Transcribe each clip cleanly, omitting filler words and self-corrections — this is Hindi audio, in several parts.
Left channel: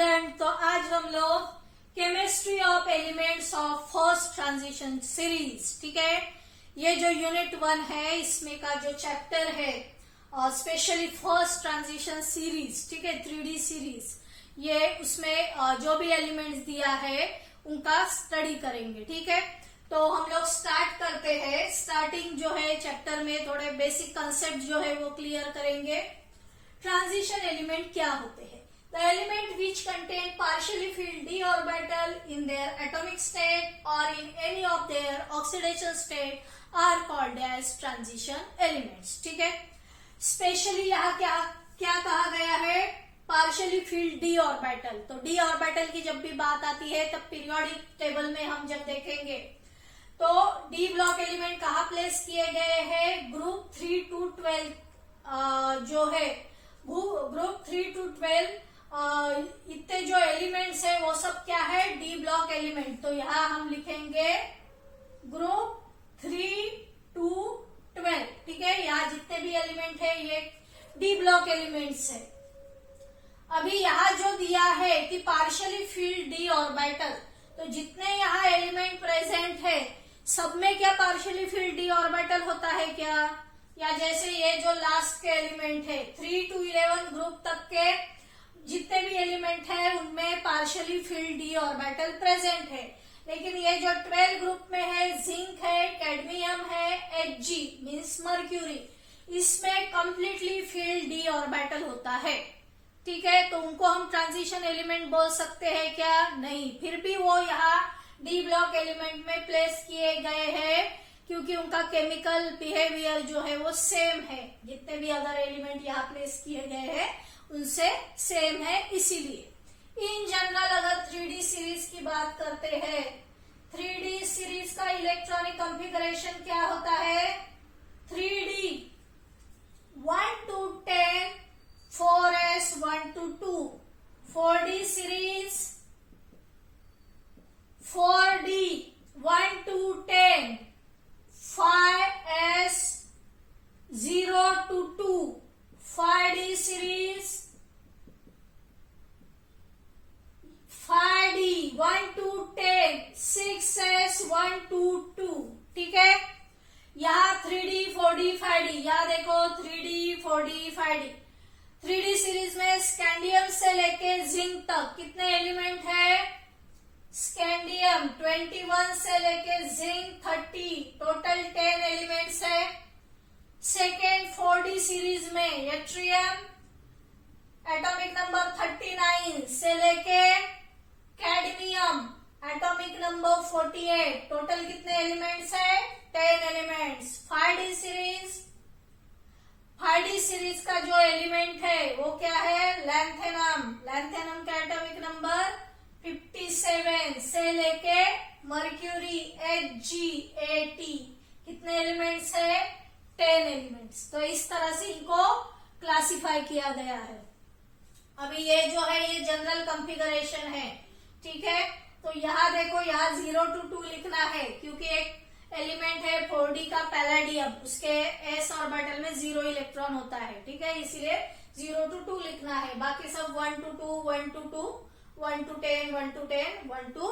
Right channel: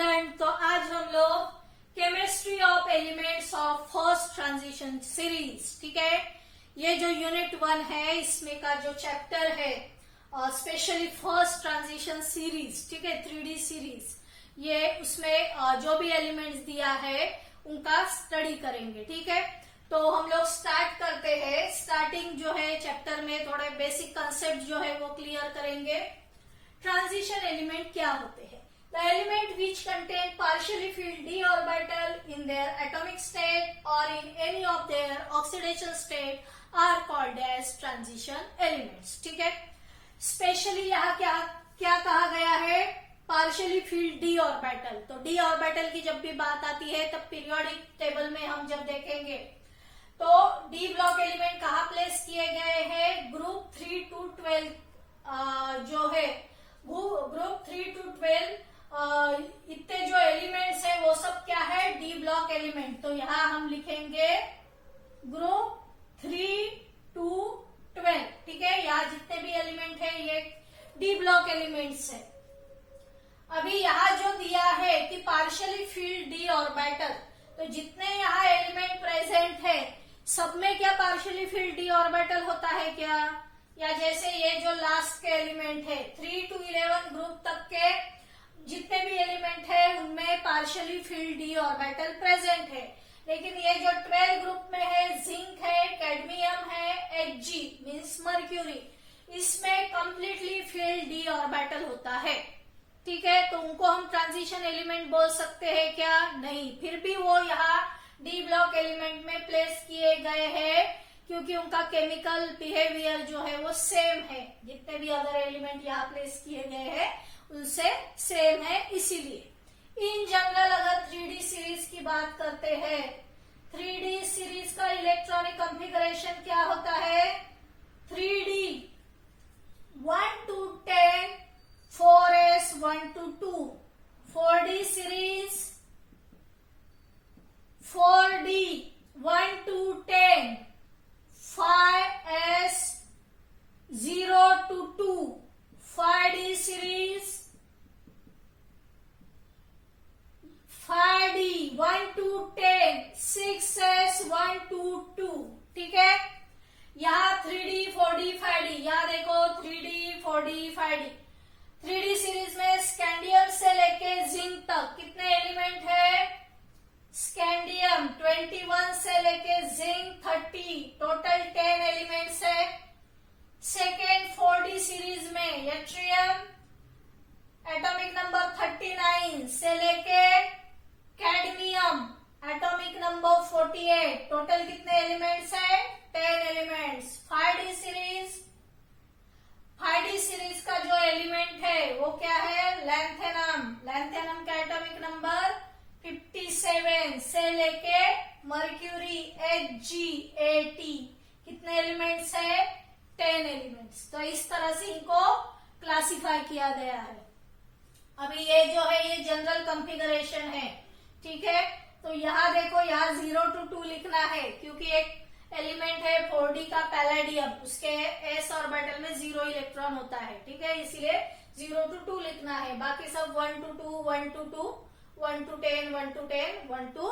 स्टूडेंट, तो आज हम लोग chemistry of elements of first transition series, ठीक है, ये जो यूनिट 1 है इसमें का जो चैप्टर है स्पेशली फर्स्ट ट्रांजिशन सीरीज, ठीक है, 3D सीरीज, ये उसमें जो भी एलिमेंट्स दिया है उनका स्टडी करेंगे, ठीक है। तो हम लोग स्टार्ट करते हैं। स्टार्टिंग जो है चैप्टर में थोड़े बेसिक कंसेप्ट जो है वो क्लियर करेंगे। ट्रांजिशन एलिमेंट क्या होते हैं? The element which contain partially filled d orbital in their atomic state or in any of their oxidation state are called as transition elements, ठीक है। स्पेशली यहाँ क्या क्या कहा गया है? Partially field D orbital. तो डी ऑर्बिटल की जब भी बात आती है तब पीरियोडिक टेबल में हम जब देखेंगे तो डी ब्लॉक एलिमेंट कहाँ प्लेस किए गए हैं? ग्रुप 3 to 12 जो है ग्रुप 3 to 12 इतने जो एलिमेंट्स है वो सब क्या है? D block element. तो यहाँ हम लिखेंगे ग्रुप 3 to 12, ठीक है। यहाँ जितने भी एलिमेंट है ये डी ब्लॉक एलिमेंट्स है। अभी यहाँ जो दिया है कि पार्शियली फील्ड डी ऑर्बिटल, तो जितने यहाँ एलिमेंट प्रेजेंट है सब में क्या पार्शियली फील्ड डी ऑर्बिटल होता है क्या? या जैसे ये जो लास्ट के एलिमेंट है 3 to 11 ग्रुप तक के जितने भी एलिमेंट है उनमें partially field D orbital present है। लेकिन ये जो 12 ग्रुप में है, जिंक है, कैडमियम है, Hg मीन्स मर्क्यूरी, इसमें कंप्लीटली फील्ड डी ऑर्बिटल होता है, ठीक है। तो उनको हम ट्रांजिशन एलिमेंट बोल सकते हैं क्या? नहीं। फिर भी वो यहाँ डी ब्लॉक एलिमेंट में प्लेस किए गए हैं क्योंकि उनका केमिकल बिहेवियर जो है वो सेम है। जितने भी अदर एलिमेंट यहाँ प्लेस किए गए हैं उनसे सेम है, इसीलिए। इन जनरल अगर 3D सीरीज की बात करते हैं, 3D सीरीज का इलेक्ट्रॉनिक कॉन्फ़िगरेशन क्या होता है? 3D 1 to 10, 4s 1 to 2, 4D series 4D 1 to 10, 5s 0 to 2, 5D series 5D 1 to 10, 6s 1 to 2, ठीक है। यहाँ 3D 4D 5D, यहाँ देखो 3D 4D 5D। 3D series में स्कैंडियम से लेके जिंक तक कितने एलिमेंट है? स्कैंडियम 21 से लेके जिंक 30, टोटल 10 एलिमेंट्स है। सेकेंड 4D सीरीज में यट्रियम एटॉमिक नंबर 39 से लेके कैडमियम एटॉमिक नंबर 48, टोटल कितने एलिमेंट्स है? 10 एलिमेंट्स। 5D सीरीज का जो एलिमेंट है वो क्या है? लैंथेनम। लैंथेनम का एटॉमिक नंबर 57 से लेके मर्क्यूरी Hg 80, कितने एलिमेंट्स है? 10 एलिमेंट्स। तो इस तरह से इनको क्लासिफाई किया गया है। अभी ये जो है ये जनरल कॉन्फ़िगरेशन है, ठीक है। तो यहाँ देखो, यहाँ 0 to 2 लिखना है क्योंकि एक एलिमेंट है 4D का पैलेडियम, उसके s ऑर्बिटल में 0 इलेक्ट्रॉन होता है, ठीक है, इसीलिए 0 to 2 लिखना है। बाकी सब 1 to 2, 1 to 2, 1 to 10, 1 to 10, 1 to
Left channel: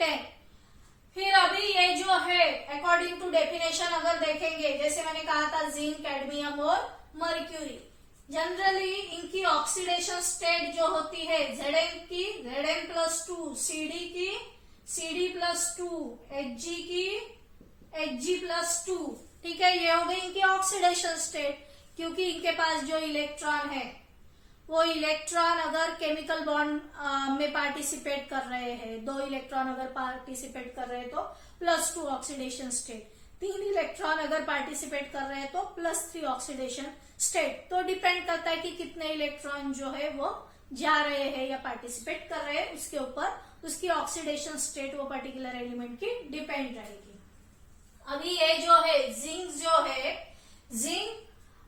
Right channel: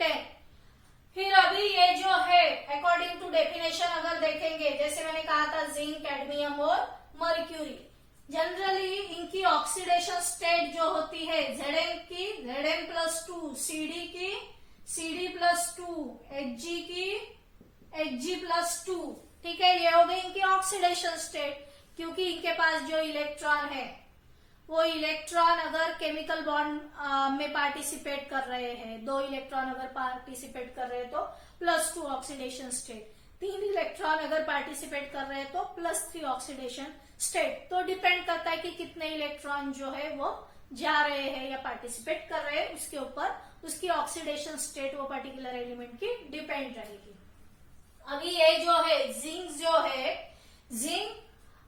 10। फिर अभी ये जो है अकॉर्डिंग टू डेफिनेशन अगर देखेंगे, जैसे मैंने कहा था जिंक, कैडमियम और मर्क्यूरी, जनरली इनकी ऑक्सीडेशन स्टेट जो होती है Zn की Zn+2, Cd की Cd+2, Hg की Hg+2, ठीक है। ये हो गई इनकी ऑक्सीडेशन स्टेट क्योंकि इनके पास जो इलेक्ट्रॉन है वो इलेक्ट्रॉन अगर केमिकल बॉन्ड में पार्टिसिपेट कर रहे हैं, 2 इलेक्ट्रॉन अगर पार्टिसिपेट कर रहे हैं तो +2 ऑक्सीडेशन स्टेट, 3 इलेक्ट्रॉन अगर पार्टिसिपेट कर रहे हैं तो +3 ऑक्सीडेशन स्टेट। तो डिपेंड करता है कि कितने इलेक्ट्रॉन जो है वो जा रहे हैं या पार्टिसिपेट कर रहे हैं, उसके ऊपर उसकी ऑक्सीडेशन स्टेट वो पर्टिकुलर एलिमेंट की डिपेंड रहेगी। अभी ये जो है जिंक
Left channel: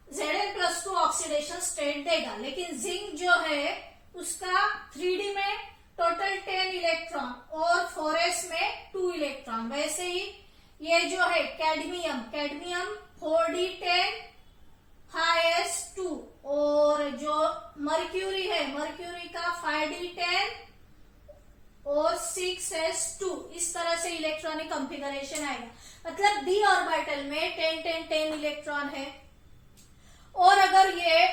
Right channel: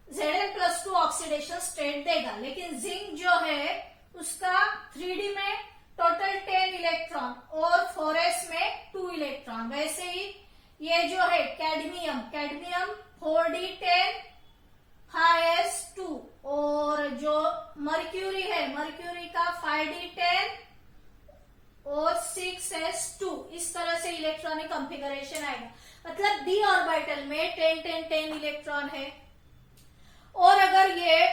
Zn+2 ऑक्सीडेशन स्टेट देगा, लेकिन जिंक जो है उसका 3D में टोटल 10 इलेक्ट्रॉन और 4s में 2 इलेक्ट्रॉन। वैसे ही ये जो है कैडमियम 4D 10, 5s2 और जो मर्क्यूरी है, मर्क्यूरी का 5d10 और 6s2, इस तरह से इलेक्ट्रॉनिक कॉन्फ़िगरेशन आएगा। मतलब डी ऑर्बिटल में 10 10 10 इलेक्ट्रॉन है। और अगर ये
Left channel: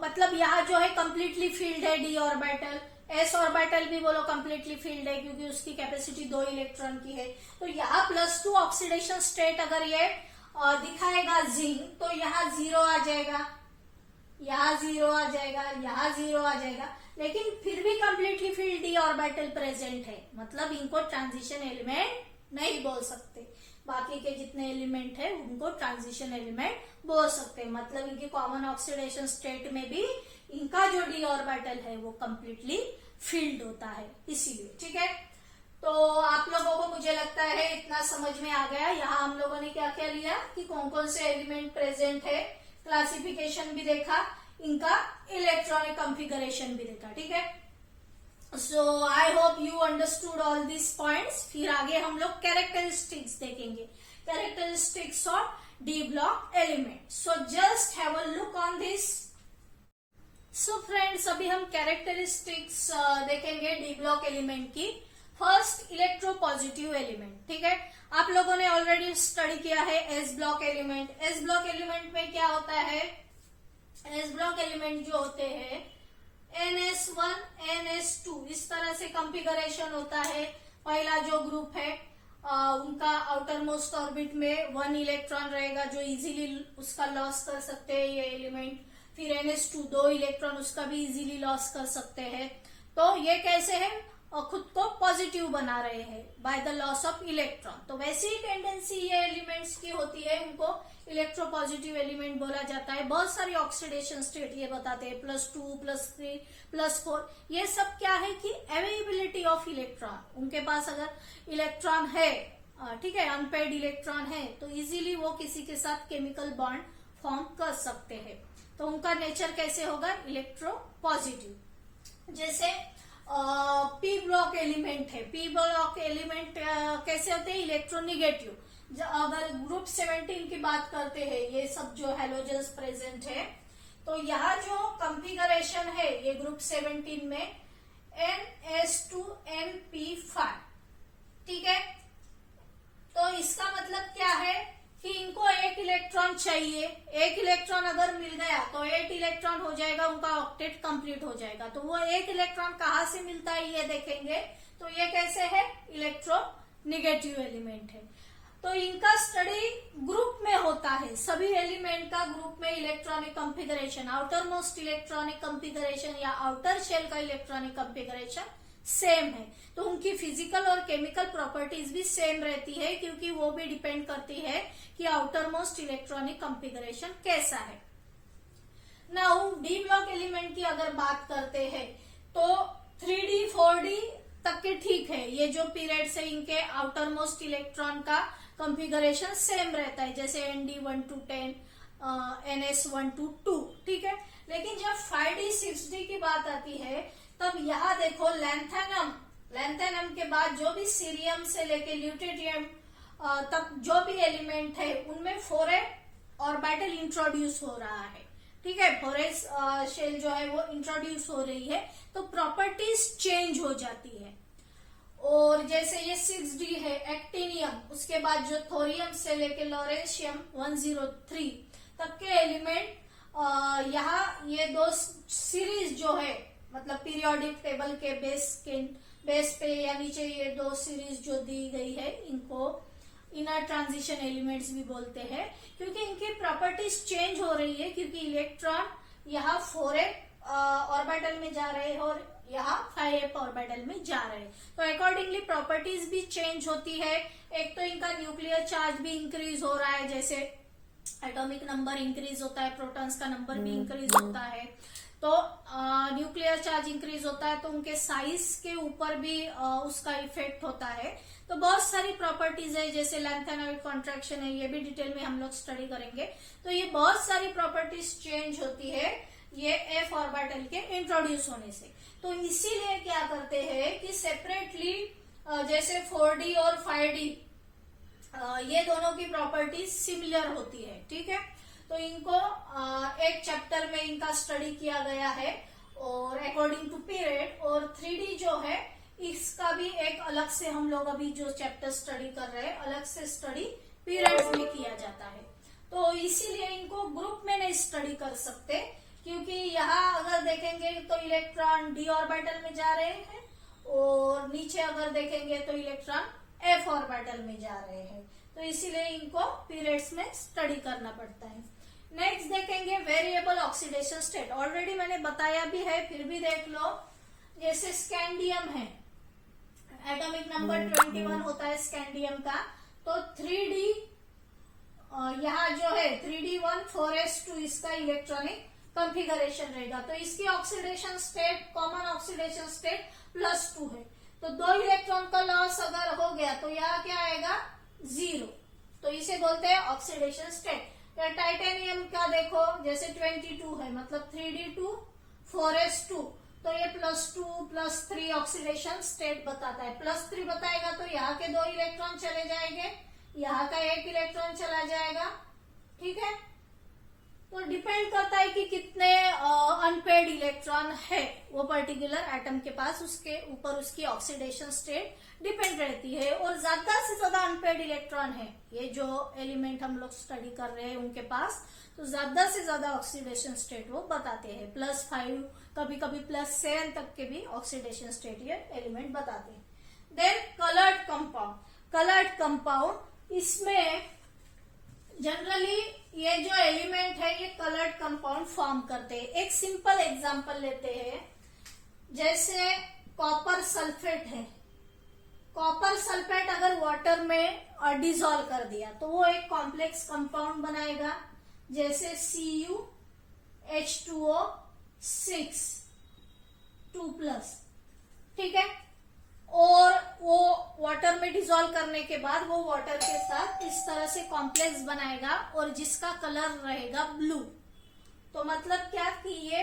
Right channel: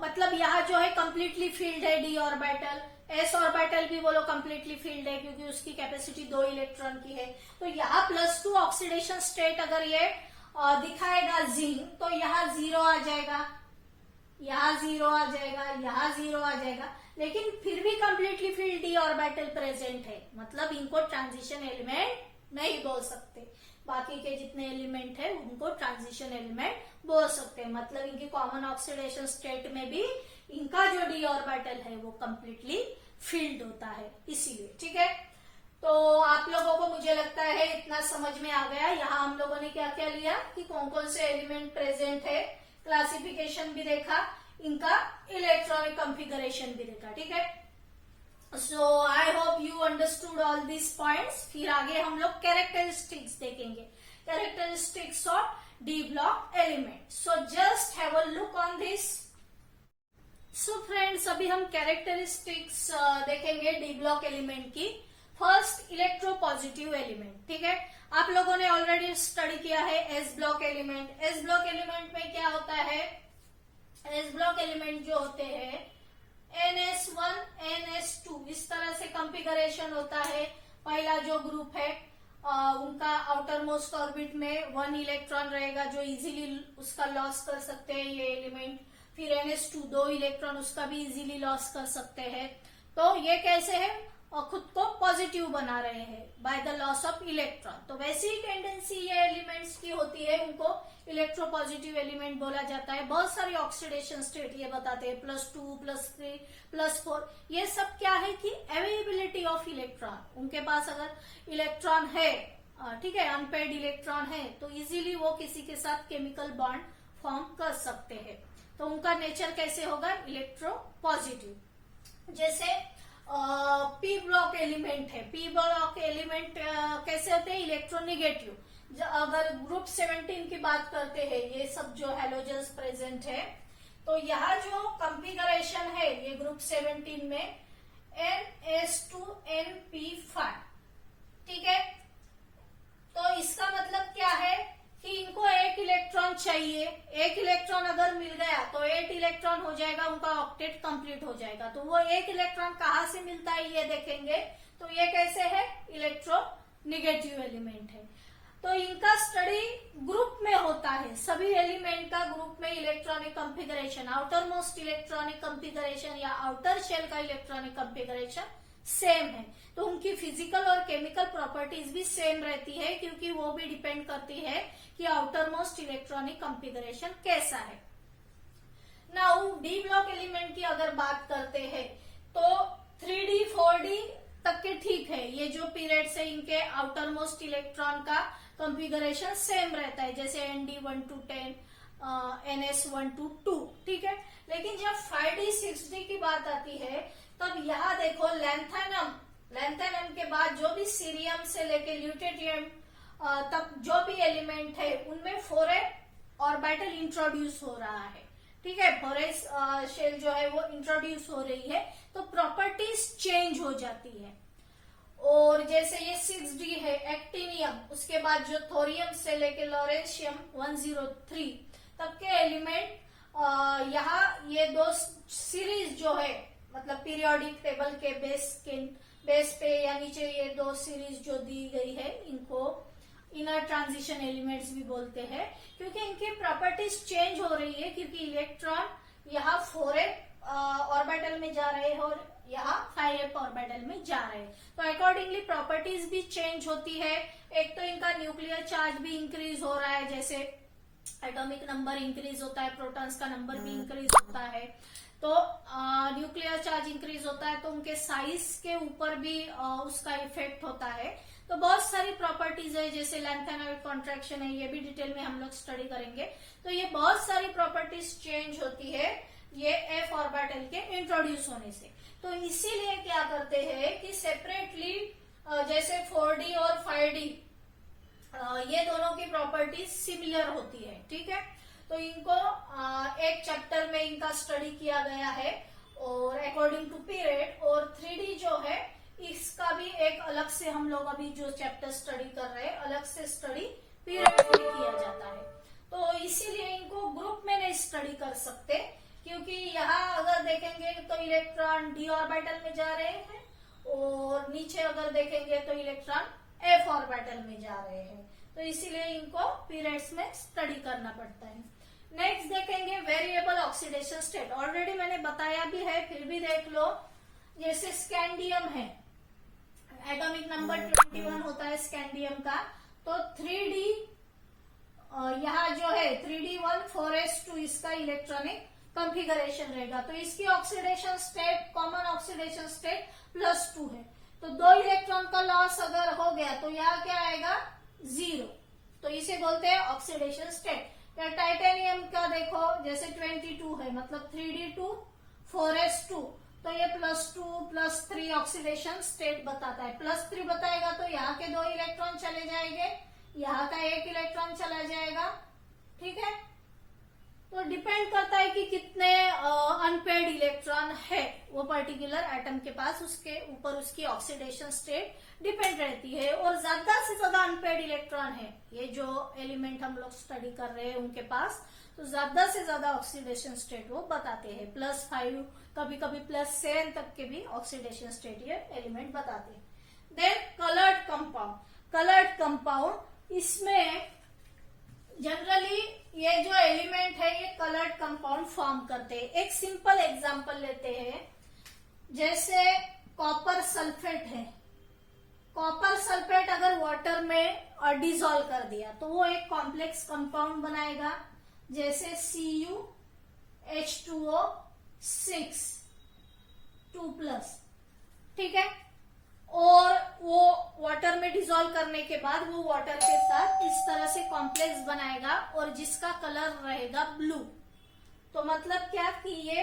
मतलब यहाँ जो है कंप्लीटली फील्ड है डी ऑर्बिटल, एस ऑर्बिटल भी बोलो कंप्लीटली फील्ड है क्योंकि उसकी कैपेसिटी 2 इलेक्ट्रॉन की है। तो यहाँ +2 ऑक्सीडेशन स्टेट अगर ये दिखाएगा जिंक, तो यहाँ 0 आ जाएगा, यहाँ 0 आ जाएगा, यहाँ 0 आ जाएगा, लेकिन फिर भी completely field D orbital present है। मतलब इनको ट्रांजिशन एलिमेंट नहीं बोल सकते, बाकी के जितने एलिमेंट है उनको ट्रांजिशन एलिमेंट बोल सकते हैं। मतलब इनकी कॉमन ऑक्सीडेशन स्टेट में भी इनका जो डी ऑर्बिटल है वो कंप्लीटली फील्ड होता है, इसीलिए। ठीक है, तो आप लोगों को मुझे लगता है इतना समझ में आ गया। यहाँ हम लोगों ने क्या क्या लिया कि कौन कौन से एलिमेंट प्रेजेंट है, क्लासिफिकेशन भी देखा, इनका इलेक्ट्रॉनिक कॉन्फ़िगरेशन भी देखा। ठीक है, so I hope you understood all this points. फिर आगे हम लोग कैरेक्टरिस्टिक्स देखेंगे, characteristics of D block element. So just have a look on this. So friends, अभी हम कैरेक्टरिस्टिक्स देखेंगे डी ब्लॉक एलिमेंट की। First, electropositive element. ठीक है, आप लोगों ने ऑलरेडी स्टडी किया है S block element. S block element में क्या होता है, एस ब्लॉक एलिमेंट जो होते हैं NS1 NS2 इस तरह से कॉन्फ़िगरेशन होता है। पहला जो ग्रुप है उनका आउटर मोस्ट ऑर्बिट में 1 इलेक्ट्रॉन रहेगा जो इजीली उसका लॉस कर सकते हैं ये एलिमेंट। फिर NS2 2 इलेक्ट्रॉन उसका भी इजीली लॉस कर सकते हैं। तो ये कैसे है, और खुद को पॉजिटिव बना रहे हैं by the loss of electron. तो वैसी ही टेंडेंसी ये एलिमेंट्स की होती है, उनको इलेक्ट्रोपॉजिटिव एलिमेंट बोला जाता है। बहुत सारी ऑक्सीडेशन स्टेट ये बताते हैं, +2 +3 +4। ये सब क्या है कि अवेलेबिलिटी ऑफ इलेक्ट्रॉन, उनके पास अगर इलेक्ट्रॉन है, ठीक है, अनपेड इलेक्ट्रॉन है, तो इजीली वो किसी के साथ केमिकल बॉन्ड फॉर्म कर सकते हैं। तो उनका नेचर कैसे होगा, इलेक्ट्रोपॉजिटिव। जैसे पी ब्लॉक एलिमेंट है, पी ब्लॉक एलिमेंट कैसे होते हैं, इलेक्ट्रोनिगेटिव। अगर ग्रुप 17 की बात करते हैं, ये सब जो हैलोजेंस प्रेजेंट है, तो यहाँ जो कॉन्फ़िगरेशन है ये ग्रुप 17 में NS2NP5। ठीक है, तो इसका मतलब क्या है कि इनको एक इलेक्ट्रॉन चाहिए। एक इलेक्ट्रॉन अगर मिल गया तो 8 इलेक्ट्रॉन हो जाएगा, उनका ऑक्टेट कंप्लीट हो जाएगा। तो वो एक इलेक्ट्रॉन कहाँ से मिलता है ये देखेंगे। तो ये कैसे है, इलेक्ट्रोनिगेटिव एलिमेंट है। तो इनका स्टडी ग्रुप में होता है, सभी एलिमेंट का ग्रुप में electronic configuration, outer most electronic configuration या आउटर शेल का इलेक्ट्रॉनिक कॉन्फ़िगरेशन सेम है। तो उनकी फिजिकल और केमिकल प्रॉपर्टीज भी सेम रहती है, क्योंकि वो भी डिपेंड करती है कि आउटर मोस्ट इलेक्ट्रॉनिक कॉन्फ़िगरेशन कैसा है। नाउ डी ब्लॉक एलिमेंट की अगर बात करते हैं तो 3D 4D तक के ठीक है, ये जो पीरियड से इनके आउटर मोस्ट इलेक्ट्रॉन का कॉन्फ़िगरेशन सेम रहता है, जैसे ND1 to 10 NS1 to 2। ठीक है, लेकिन जब 5D 6D की बात आती है तब यहाँ देखो लैंथेनम के बाद जो भी सीरियम से लेके ल्यूटेरियम तक जो भी एलिमेंट है उनमें 4s ऑर्बिटल इंट्रोड्यूस हो रहा है। ठीक है, 4s शेल जो है वो इंट्रोड्यूस हो रही है, तो प्रॉपर्टीज चेंज हो जाती है। और जैसे ये 6D है एक्टिनियम, उसके बाद जो थोरियम से लेके लॉरेंशियम 103 तक के एलिमेंट, यहाँ ये 2 सीरीज जो है, मतलब पीरियोडिक टेबल के बेस पे या नीचे ये 2 सीरीज जो दी गई है, इनको इनर ट्रांजिशन एलिमेंट्स भी बोलते हैं, क्योंकि इनकी प्रॉपर्टीज चेंज हो रही है, क्योंकि इलेक्ट्रॉन यहाँ 4s ऑर्बिटल में जा रहे हैं और यहाँ 5s ऑर्बिटल में जा रहे हैं। तो अकॉर्डिंगली प्रॉपर्टीज भी चेंज होती है। एक तो इनका न्यूक्लियर चार्ज भी इंक्रीज हो रहा है, जैसे एटॉमिक नंबर इंक्रीज होता है, प्रोटॉन्स का नंबर भी इंक्रीज होता है। तो न्यूक्लियर चार्ज इंक्रीज होता है तो उनके साइज के ऊपर भी उसका इफेक्ट होता है। तो बहुत सारी प्रॉपर्टीज है, जैसे लैंथेनोइड कॉन्ट्रैक्शन है, ये भी डिटेल में हम लोग स्टडी करेंगे। तो ये बहुत सारी प्रॉपर्टीज चेंज होती है ये f ऑर्बिटल के इंट्रोड्यूस होने से। तो इसीलिए क्या करते हैं कि सेपरेटली जैसे 4D और 5D ये दोनों की प्रॉपर्टीज सिमिलर होती है। ठीक है, तो इनको एक चैप्टर में इनका स्टडी किया गया है और अकॉर्डिंग टू पीरियड। और 3D जो है इसका भी एक अलग से हम लोग अभी जो चैप्टर स्टडी कर रहे हैं अलग से स्टडी पीरियड्स में किया जाता है। तो इसीलिए इनको ग्रुप में नहीं स्टडी कर सकते, क्योंकि यहाँ अगर देखेंगे तो इलेक्ट्रॉन d ऑर्बिटल में जा रहे हैं और नीचे अगर देखेंगे तो इलेक्ट्रॉन f ऑर्बिटल में जा रहे हैं। तो इसीलिए इनको पीरियड्स में स्टडी करना पड़ता है। नेक्स्ट देखेंगे वेरिएबल ऑक्सीडेशन स्टेट। ऑलरेडी मैंने बताया भी है, फिर भी देख लो। जैसे स्कैंडियम है, एटॉमिक नंबर 21 होता है स्कैंडियम का। तो 3D यहाँ जो है 3D1 4s2 इसका इलेक्ट्रॉनिक कॉन्फ़िगरेशन रहेगा। तो इसकी oxidation state, common oxidation state +2 है। तो 2 इलेक्ट्रॉन का लॉस अगर हो गया तो यहाँ क्या आएगा 0। तो इसे बोलते हैं ऑक्सीडेशन स्टेट। या टाइटेनियम का देखो, जैसे 22 है, मतलब 3D2 4s2, तो ये +2 +3 ऑक्सीडेशन स्टेट बताता है। +3 बताएगा तो यहाँ के 2 इलेक्ट्रॉन चले जाएंगे, यहाँ का 1 इलेक्ट्रॉन चला जाएगा। ठीक है, तो डिपेंड करता है कि कितने अनपेड इलेक्ट्रॉन है वो पर्टिकुलर एटम के पास, उसके ऊपर उसकी ऑक्सीडेशन स्टेट डिपेंड रहती है। और ज्यादा से ज्यादा अनपेड इलेक्ट्रॉन है, ये जो एलिमेंट हम लोग स्टडी कर रहे हैं उनके पास, तो ज्यादा से ज्यादा ऑक्सीडेशन स्टेट वो बताते हैं। +5, कभी कभी +7 तक के भी ऑक्सीडेशन स्टेट ये एलिमेंट बताते हैं। Then coloured compound. Coloured compound, इसमें जनरली ये जो एलिमेंट है ये कलर्ड कंपाउंड फॉर्म करते हैं। एक सिंपल एग्जांपल लेते हैं, जैसे कॉपर सल्फेट है। कॉपर सल्फेट अगर वाटर में डिसॉल्व कर दिया तो वो एक कॉम्प्लेक्स कंपाउंड बनाएगा, जैसे CuH2O6 2+। ठीक है, और वो वाटर में डिसॉल्व करने के बाद वो वाटर के साथ इस तरह से कॉम्प्लेक्स बनाएगा और जिसका कलर रहेगा ब्लू। तो मतलब क्या कि ये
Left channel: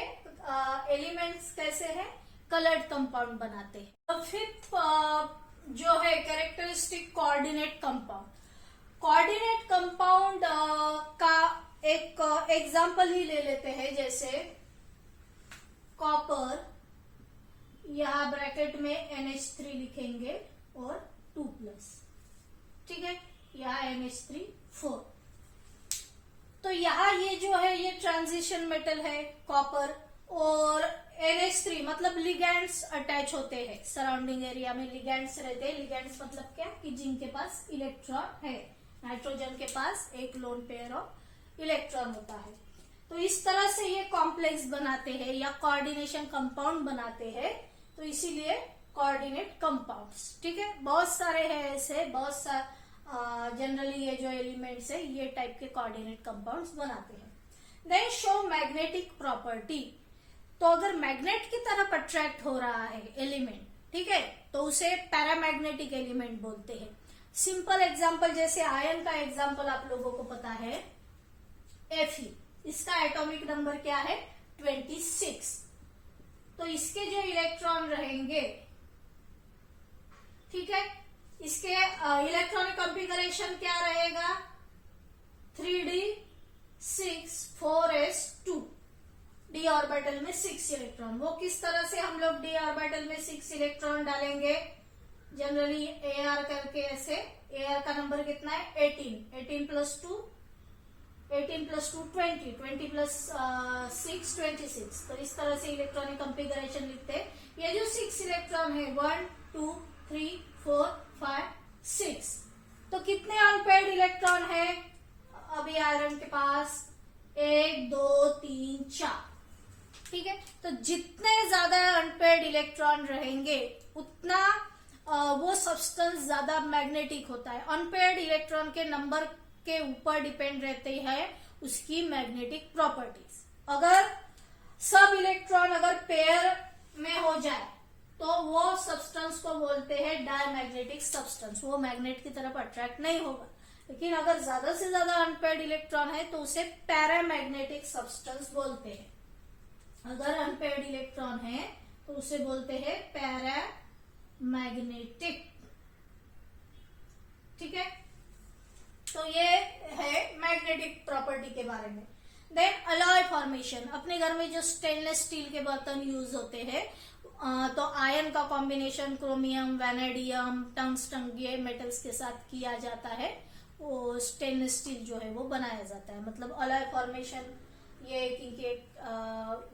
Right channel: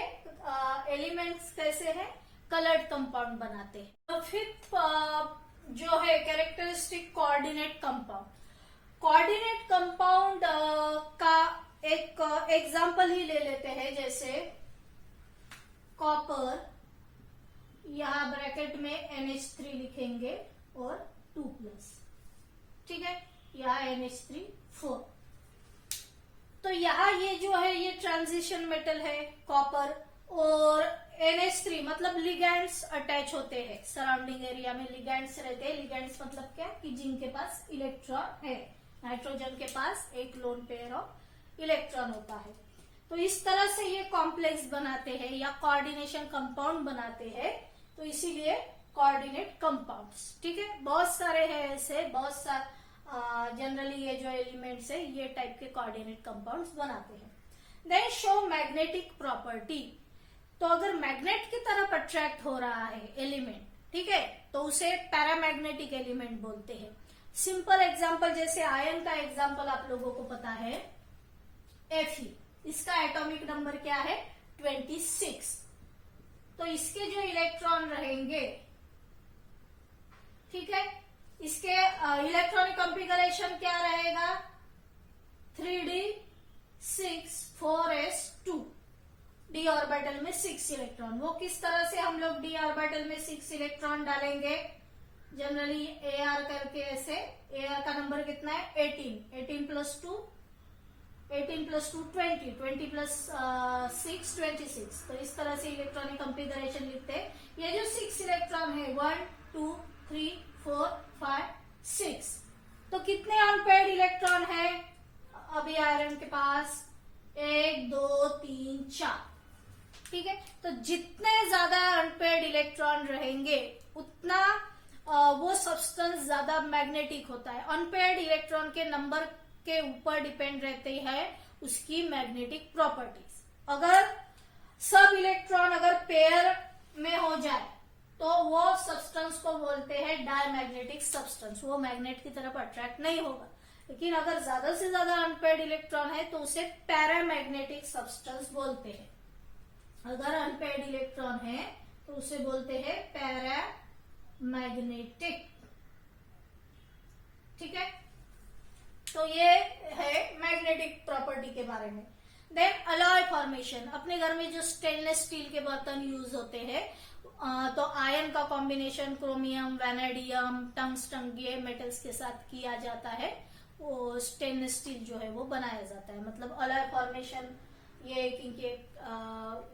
एलिमेंट्स कैसे हैं, कलर्ड कंपाउंड बनाते हैं। तो फिफ्थ जो है characteristic coordinate compound. Coordinate compound का एक एग्जांपल ही ले लेते हैं, जैसे कॉपर, यहाँ ब्रैकेट में NH3 लिखेंगे और 2+। ठीक है, यहाँ NH3 4। तो यहाँ ये जो है ये ट्रांजिशन मेटल है कॉपर, और NH3 मतलब लिगैंड्स अटैच होते हैं सराउंडिंग एरिया में, लिगैंड्स रहते हैं। लिगैंड्स मतलब क्या कि जिनके पास इलेक्ट्रॉन है, नाइट्रोजन के पास एक लोन पेयर ऑफ इलेक्ट्रॉन होता है। तो इस तरह से ये कॉम्प्लेक्स बनाते हैं या कोऑर्डिनेशन कंपाउंड बनाते हैं, तो इसीलिए कोऑर्डिनेट कंपाउंड्स। ठीक है, बहुत सारे हैं ऐसे, बहुत सारे जनरली ये जो एलिमेंट्स है ये टाइप के कोऑर्डिनेट कंपाउंड्स बनाते हैं। Then show magnetic property. तो अगर मैग्नेट की तरफ अट्रैक्ट हो रहा है एलिमेंट, ठीक है, तो उसे पैरामैग्नेटिक एलिमेंट बोलते हैं। सिंपल एग्जांपल, जैसे आयन का एग्जांपल आप लोगों को पता है Fe, इसका एटॉमिक नंबर क्या है 26। तो इसके जो इलेक्ट्रॉन रहेंगे, ठीक है, इसके इलेक्ट्रॉनिक कॉन्फ़िगरेशन क्या रहेगा 3D6 4s2, d ऑर्बिटल में 6 इलेक्ट्रॉन। वो किस तरह से हम लोग d ऑर्बिटल में 6 इलेक्ट्रॉन डालेंगे, जनरली Ar करके ऐसे। Ar का नंबर कितना है 18, 18 + 2 20, 20 + 6 26। तो इस तरह से इलेक्ट्रॉनिक कॉन्फ़िगरेशन लिखते हैं। ये जो 6 इलेक्ट्रॉन है 1 2 3 4 5 6, तो कितने अनपेयर्ड इलेक्ट्रॉन है अभी आयरन के पास 1 2 3 4। ठीक है, तो जितने ज्यादा अनपेयर्ड इलेक्ट्रॉन रहेंगे उतना वो सब्सटेंस ज्यादा मैग्नेटिक होता है। अनपेयर्ड इलेक्ट्रॉन के नंबर के ऊपर डिपेंड रहती है उसकी मैग्नेटिक प्रॉपर्टीज। अगर सब इलेक्ट्रॉन अगर पेयर में हो जाए तो वो सब्सटेंस को बोलते हैं डायमैग्नेटिक सब्सटेंस, वो मैग्नेट की तरफ अट्रैक्ट नहीं होगा। लेकिन अगर ज्यादा से ज्यादा अनपेयर्ड इलेक्ट्रॉन है तो उसे पैरामैग्नेटिक सब्सटेंस बोलते हैं। अगर अनपेयर्ड इलेक्ट्रॉन है तो उसे बोलते हैं पैरामैग्नेटिक। ठीक है, तो ये है मैग्नेटिक प्रॉपर्टी के बारे में। देन अलॉय फॉर्मेशन, अपने घर में जो स्टेनलेस स्टील के बर्तन यूज होते हैं तो आयन का कॉम्बिनेशन क्रोमियम, वैनेडियम, टंगस्टन, ये मेटल्स के साथ किया जाता है, वो स्टेनलेस स्टील जो है वो बनाया जाता है। मतलब अलॉय फॉर्मेशन ये इनके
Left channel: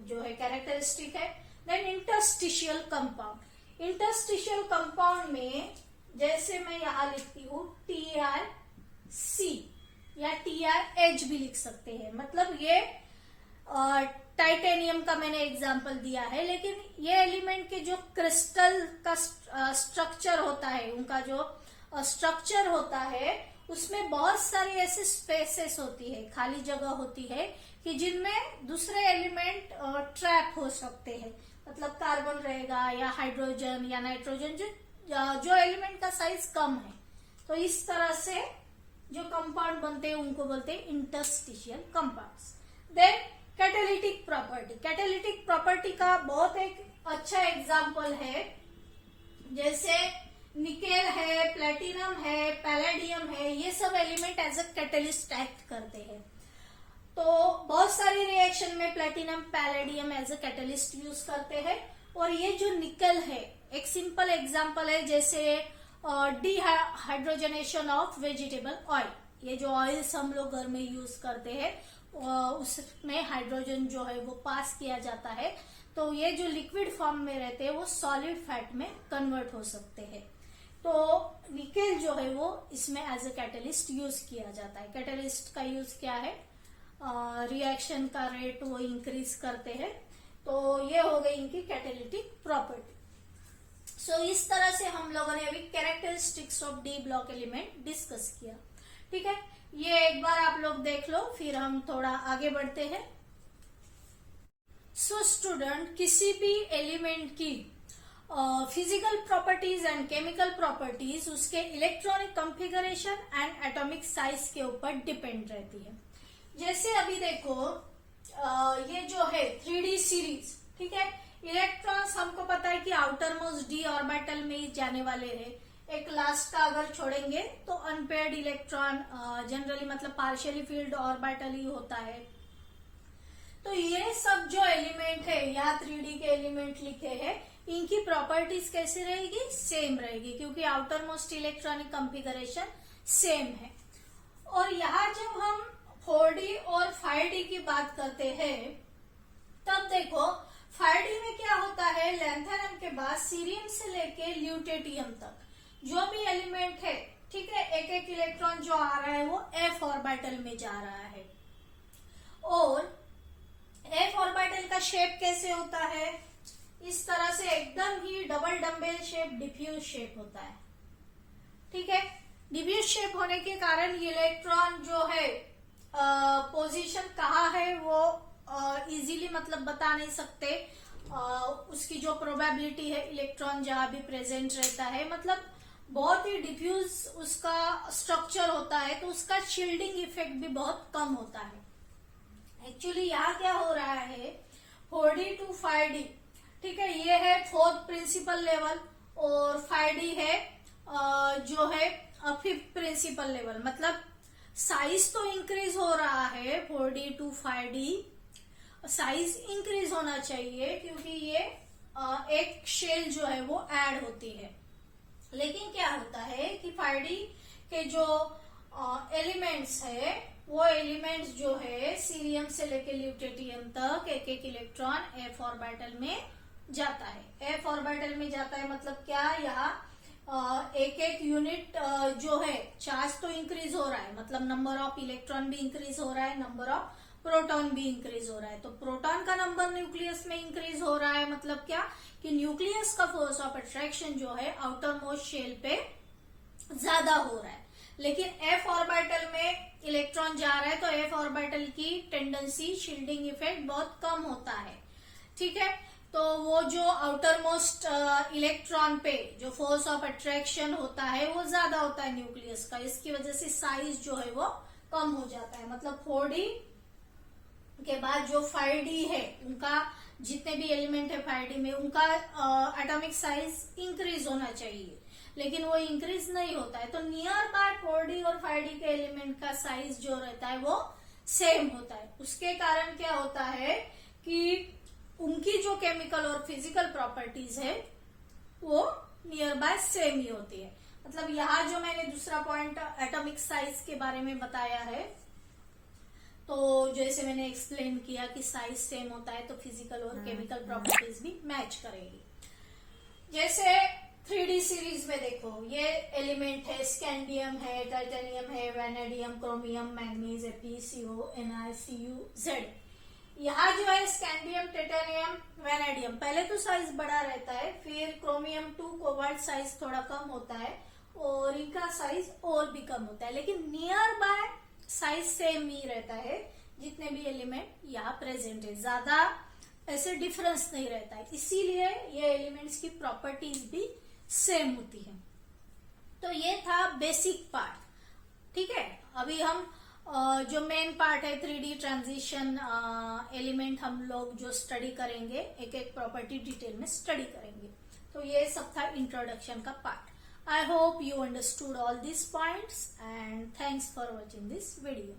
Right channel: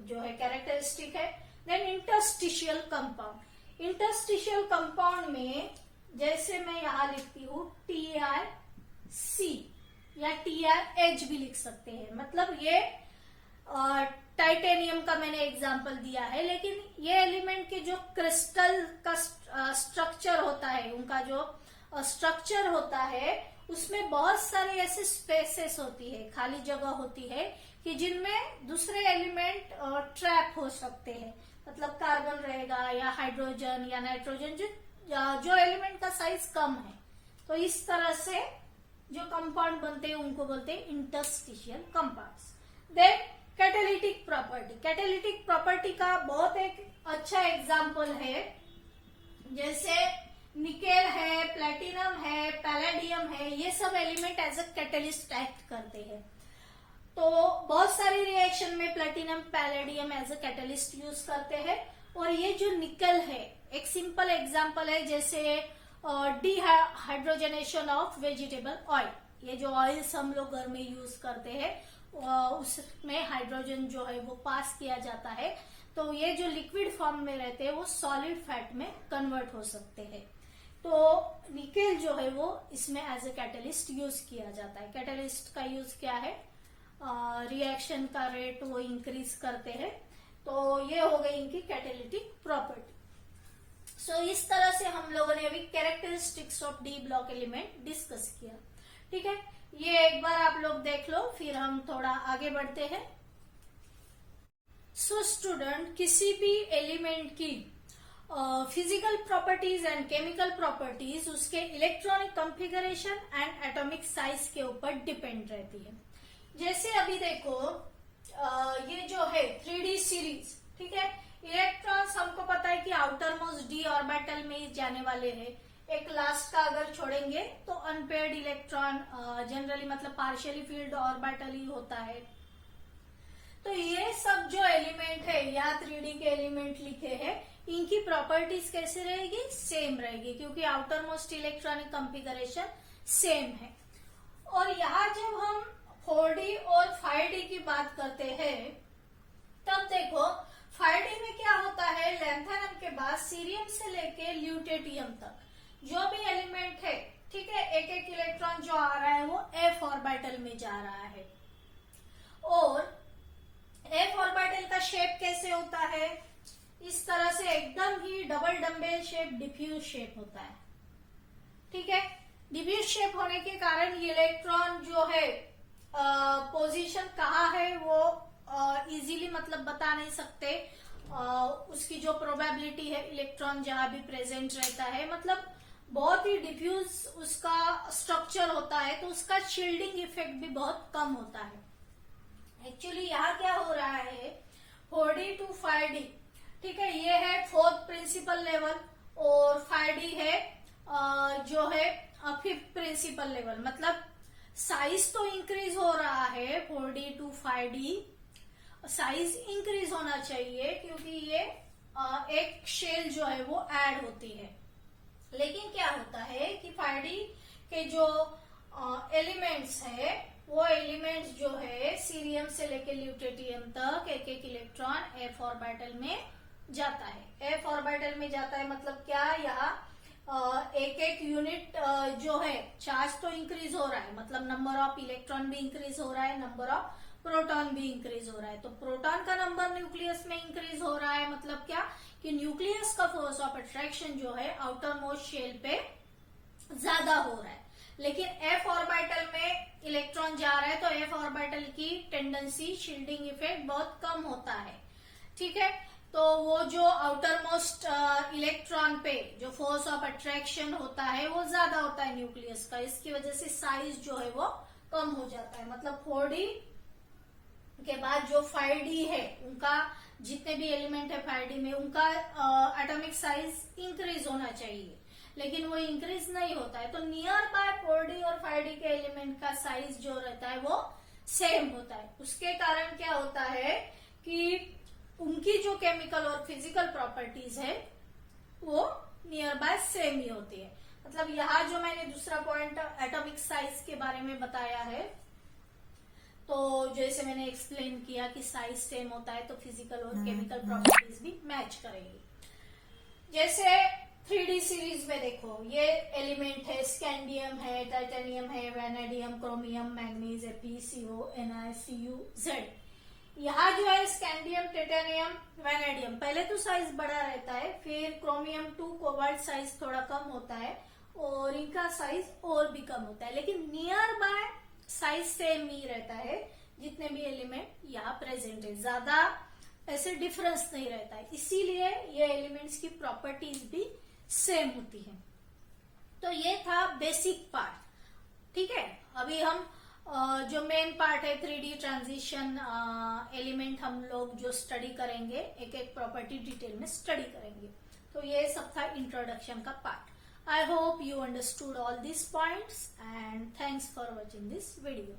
जो है कैरेक्टरिस्टिक है। Then interstitial compound, interstitial compound में जैसे मैं यहां लिखती हूँ TrC या TrH भी लिख सकते हैं। मतलब ये टाइटेनियम का मैंने एग्जांपल दिया है, लेकिन ये एलिमेंट के जो क्रिस्टल का स्ट्रक्चर होता है, उनका जो स्ट्रक्चर होता है उसमें बहुत सारी ऐसे स्पेसेस होती है, खाली जगह होती है कि जिनमें दूसरे एलिमेंट ट्रैप हो सकते हैं। मतलब कार्बन रहेगा या हाइड्रोजन या नाइट्रोजन, जो एलिमेंट का साइज कम है। तो इस तरह से जो कंपाउंड बनते हैं उनको बोलते हैं interstitial compounds. Then catalytic property, catalytic property का बहुत एक अच्छा एग्जांपल है, जैसे निकेल है, प्लेटिनम है, पैलेडियम है, ये सब element as a catalyst act करते हैं। तो बहुत सारी रिएक्शन में platinum, palladium as a catalyst use करते हैं। और ये जो निकल है, एक सिंपल एग्जांपल है, जैसे डिहाइड्रोजनेशन ऑफ वेजिटेबल ऑयल, ये जो ऑयल्स हम लोग घर में यूज करते हैं उसमें हाइड्रोजन जो है वो पास किया जाता है, तो ये जो लिक्विड फॉर्म में रहते हैं वो सॉलिड फैट में कन्वर्ट हो सकते हैं। तो निकेल जो है वो इसमें एज ए कैटलिस्ट यूज किया जाता है। कैटलिस्ट का यूज क्या है, रिएक्शन का रेट वो इंक्रीज करते हैं। तो ये हो गई इनकी कैटालिटिक प्रॉपर्टी। सो इस तरह से हम लोगों ने अभी characteristics of D block element discuss किया। ठीक है, ये एक बार आप लोग देख लो, फिर हम थोड़ा आगे बढ़ते हैं। सो स्टूडेंट, किसी भी एलिमेंट की physical properties and chemical properties उसके electronic configuration and atomic size के ऊपर डिपेंड रहती है। जैसे अभी देखो ये जो है 3D सीरीज, ठीक है, इलेक्ट्रॉन्स हमको पता है कि आउटर मोस्ट डी ऑर्बिटल में ही जाने वाले हैं। एक लास्ट का अगर छोड़ेंगे तो अनपेयर्ड इलेक्ट्रॉन जनरली मतलब पार्शियली फील्ड ऑर्बिटल ही होता है। तो ये सब जो एलिमेंट है या 3D के एलिमेंट लिखे हैं, इनकी प्रॉपर्टीज कैसे रहेगी, सेम रहेगी, क्योंकि outer most electronic configuration same है। और यहाँ जब हम 4D और 5D की बात करते हैं, तब देखो 5D में क्या होता है, लैंथेनम के बाद सीरियम से लेके ल्यूटेटियम तक जो भी एलिमेंट है, ठीक है, एक एक इलेक्ट्रॉन जो आ रहा है वो f ऑर्बिटल में जा रहा है। और f ऑर्बिटल का शेप कैसे होता है, इस तरह से एकदम ही double dumbbell shape, diffuse shape होता है। ठीक है, डिफ्यूज शेप होने के कारण इलेक्ट्रॉन जो है पोजीशन कहाँ है वो इजीली मतलब बता नहीं सकते। उसकी जो प्रोबेबिलिटी है इलेक्ट्रॉन जहां भी प्रेजेंट रहता है, मतलब बहुत ही डिफ्यूज उसका स्ट्रक्चर होता है, तो उसका शील्डिंग इफेक्ट भी बहुत कम होता है। एक्चुअली यहाँ क्या हो रहा है, 4D to 5D, ठीक है, ये है फोर्थ प्रिंसिपल लेवल, और 5D है जो है फिफ्थ प्रिंसिपल लेवल। मतलब साइज तो इंक्रीज हो रहा है, 4D to 5D size increase होना चाहिए, क्योंकि ये एक शेल जो है वो ऐड होती है। लेकिन क्या होता है कि 5D के जो एलिमेंट्स है, वो एलिमेंट्स जो है सीरियम से लेकर ल्यूटेटियम तक एक एक इलेक्ट्रॉन f ऑर्बिटल में जाता है। f ऑर्बिटल में जाता है मतलब क्या, यहाँ एक एक यूनिट जो है चार्ज तो इंक्रीज हो रहा है, मतलब नंबर ऑफ इलेक्ट्रॉन भी इंक्रीज हो रहा है, नंबर ऑफ प्रोटॉन भी इंक्रीज हो रहा है। तो प्रोटॉन का नंबर न्यूक्लियस में इंक्रीज हो रहा है, मतलब क्या कि न्यूक्लियस का फोर्स ऑफ अट्रैक्शन जो है आउटर मोस्ट शेल पे ज्यादा हो रहा है। लेकिन f ऑर्बिटल में इलेक्ट्रॉन जा रहा है, तो f ऑर्बिटल की टेंडेंसी शील्डिंग इफेक्ट बहुत कम होता है। ठीक है, तो वो जो आउटर मोस्ट इलेक्ट्रॉन पे जो फोर्स ऑफ अट्रैक्शन होता है वो ज्यादा होता है न्यूक्लियस का, इसकी वजह से साइज जो है वो कम हो जाता है। मतलब 4D के बाद जो 5D है, उनका जितने भी एलिमेंट है 5D में, उनका एटॉमिक साइज इंक्रीज होना चाहिए, लेकिन वो इंक्रीज नहीं होता है। तो नियर बाय 4D और 5D के एलिमेंट का साइज जो रहता है वो सेम होता है। उसके कारण क्या होता है कि उनकी जो केमिकल और फिजिकल प्रॉपर्टीज है वो नियर बाय सेम ही होती है। मतलब यहाँ जो मैंने दूसरा पॉइंट एटॉमिक साइज के बारे में बताया है, तो जैसे मैंने एक्सप्लेन किया कि साइज सेम होता है तो फिजिकल और केमिकल प्रॉपर्टीज भी मैच करेंगी। जैसे 3D सीरीज में देखो, ये एलिमेंट है, स्कैंडियम है, टाइटेनियम है, vanadium, chromium, manganese, Fe, CO, Ni, Cu, Z। यहाँ जो है स्कैंडियम, टाइटेनियम, वैनेडियम, पहले तो साइज बड़ा रहता है, फिर क्रोमियम 2 कोबाल्ट साइज थोड़ा कम होता है और इनका साइज और भी कम होता है, लेकिन नियर बाय साइज सेम ही रहता है। जितने भी एलिमेंट यहाँ प्रेजेंट है, ज्यादा ऐसे डिफरेंस नहीं रहता है, इसीलिए ये एलिमेंट्स की प्रॉपर्टीज भी सेम होती है। तो ये था बेसिक पार्ट। ठीक है, अभी हम जो मेन पार्ट है 3D ट्रांजिशन एलिमेंट, हम लोग जो स्टडी करेंगे, एक एक प्रॉपर्टी डिटेल में स्टडी करेंगे। तो ये सब था इंट्रोडक्शन का part. I hope you understood all these points and thanks for watching this video.